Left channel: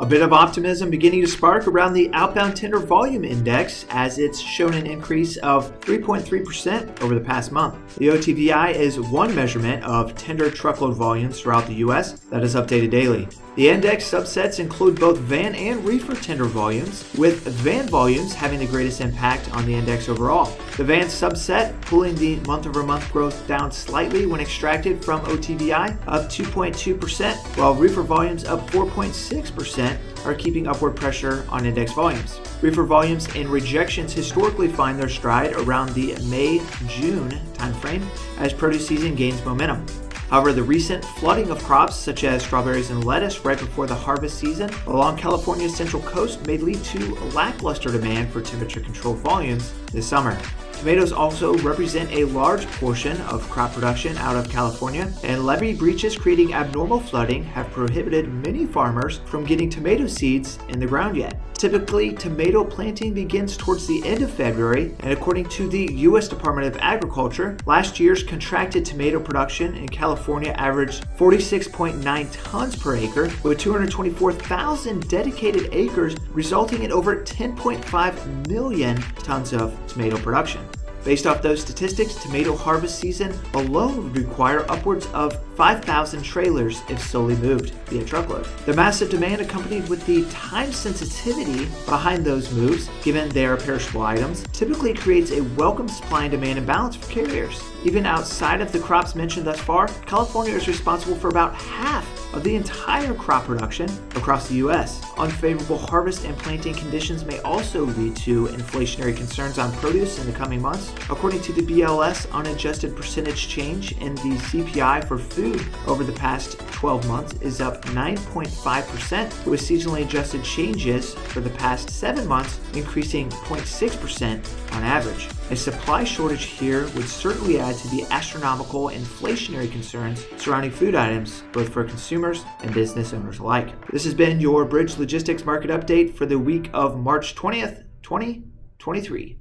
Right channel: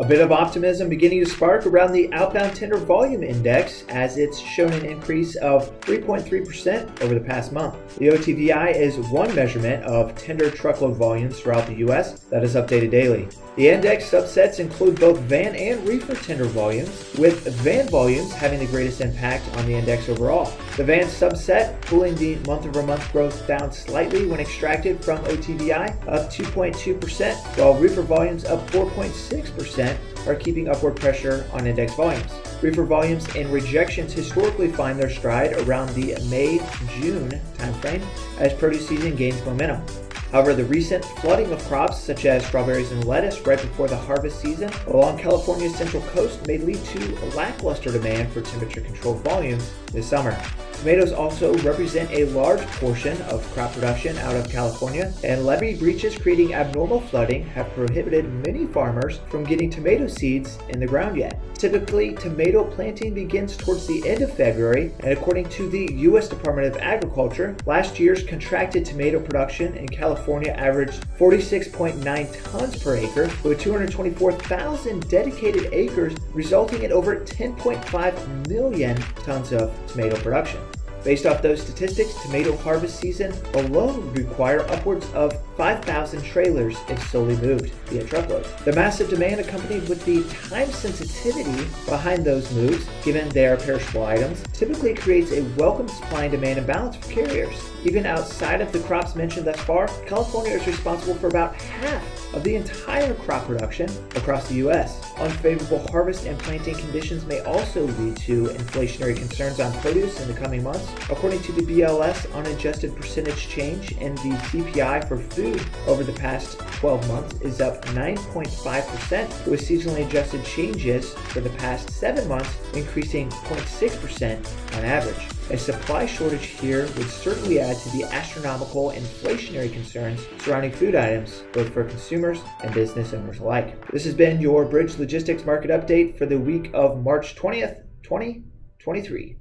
A bit of optimism beginning to spark around the Outbound Tendered Volume Index, as it's shown an increase of 3.3% over the past month. The OTVI is one measurement of tendered truckload volumes throughout the U.S. that is updated daily. The index subsets include both van and reefer tender volumes, with van volumes having the greatest impact on the index overall. The van subset pulling the month-over-month growth down slightly when extracted from OTVI, up 2.2%, while reefer volumes up 4.6% are keeping upward pressure on index volumes. Reefer volumes and rejections historically find their stride around the May-June timeframe as produce season gains momentum. However, the recent flooding of crops such as strawberries and lettuce right before the harvest season along California's central coast may lead to lackluster demand for temperature-controlled volumes this summer. Tomatoes also represent a large portion of crop production out of California, and levee breaches creating abnormal flooding have prohibited many farmers from getting tomato seeds in the ground yet. Typically, tomato planting begins towards the end of February, and according to the U.S. Department of Agriculture, last year's contracted tomato production in California averaged 46.9 tons per acre, with 224,000 dedicated acres, resulting in over 10.5 million tons of tomato production. Based off those statistics, tomato harvest season alone would require upwards of 5,000 trailers if solely moved via truckload. The massive demand accompanied with the time sensitivity behind those moves, given they are perishable items, typically creates a welcome supply and demand imbalance for carriers. Even outside of the crops mentioned thus far, California is responsible for about half of the entire crop production across the U.S. Unfavorable harvest and planting conditions may also lead to inflationary concerns on produce in the coming months. According to the BLS, unadjusted percentage change in the CPI for food over the past 12 months is up 9.5%, with seasonally adjusted changes for the past 7 months increasing 0.6% on average. A supply shortage here would certainly add to the astronomical inflationary concerns surrounding food items, both for consumers and business owners alike. This has been your Bridge Logistics Market Update for the week of March 20th, 2023.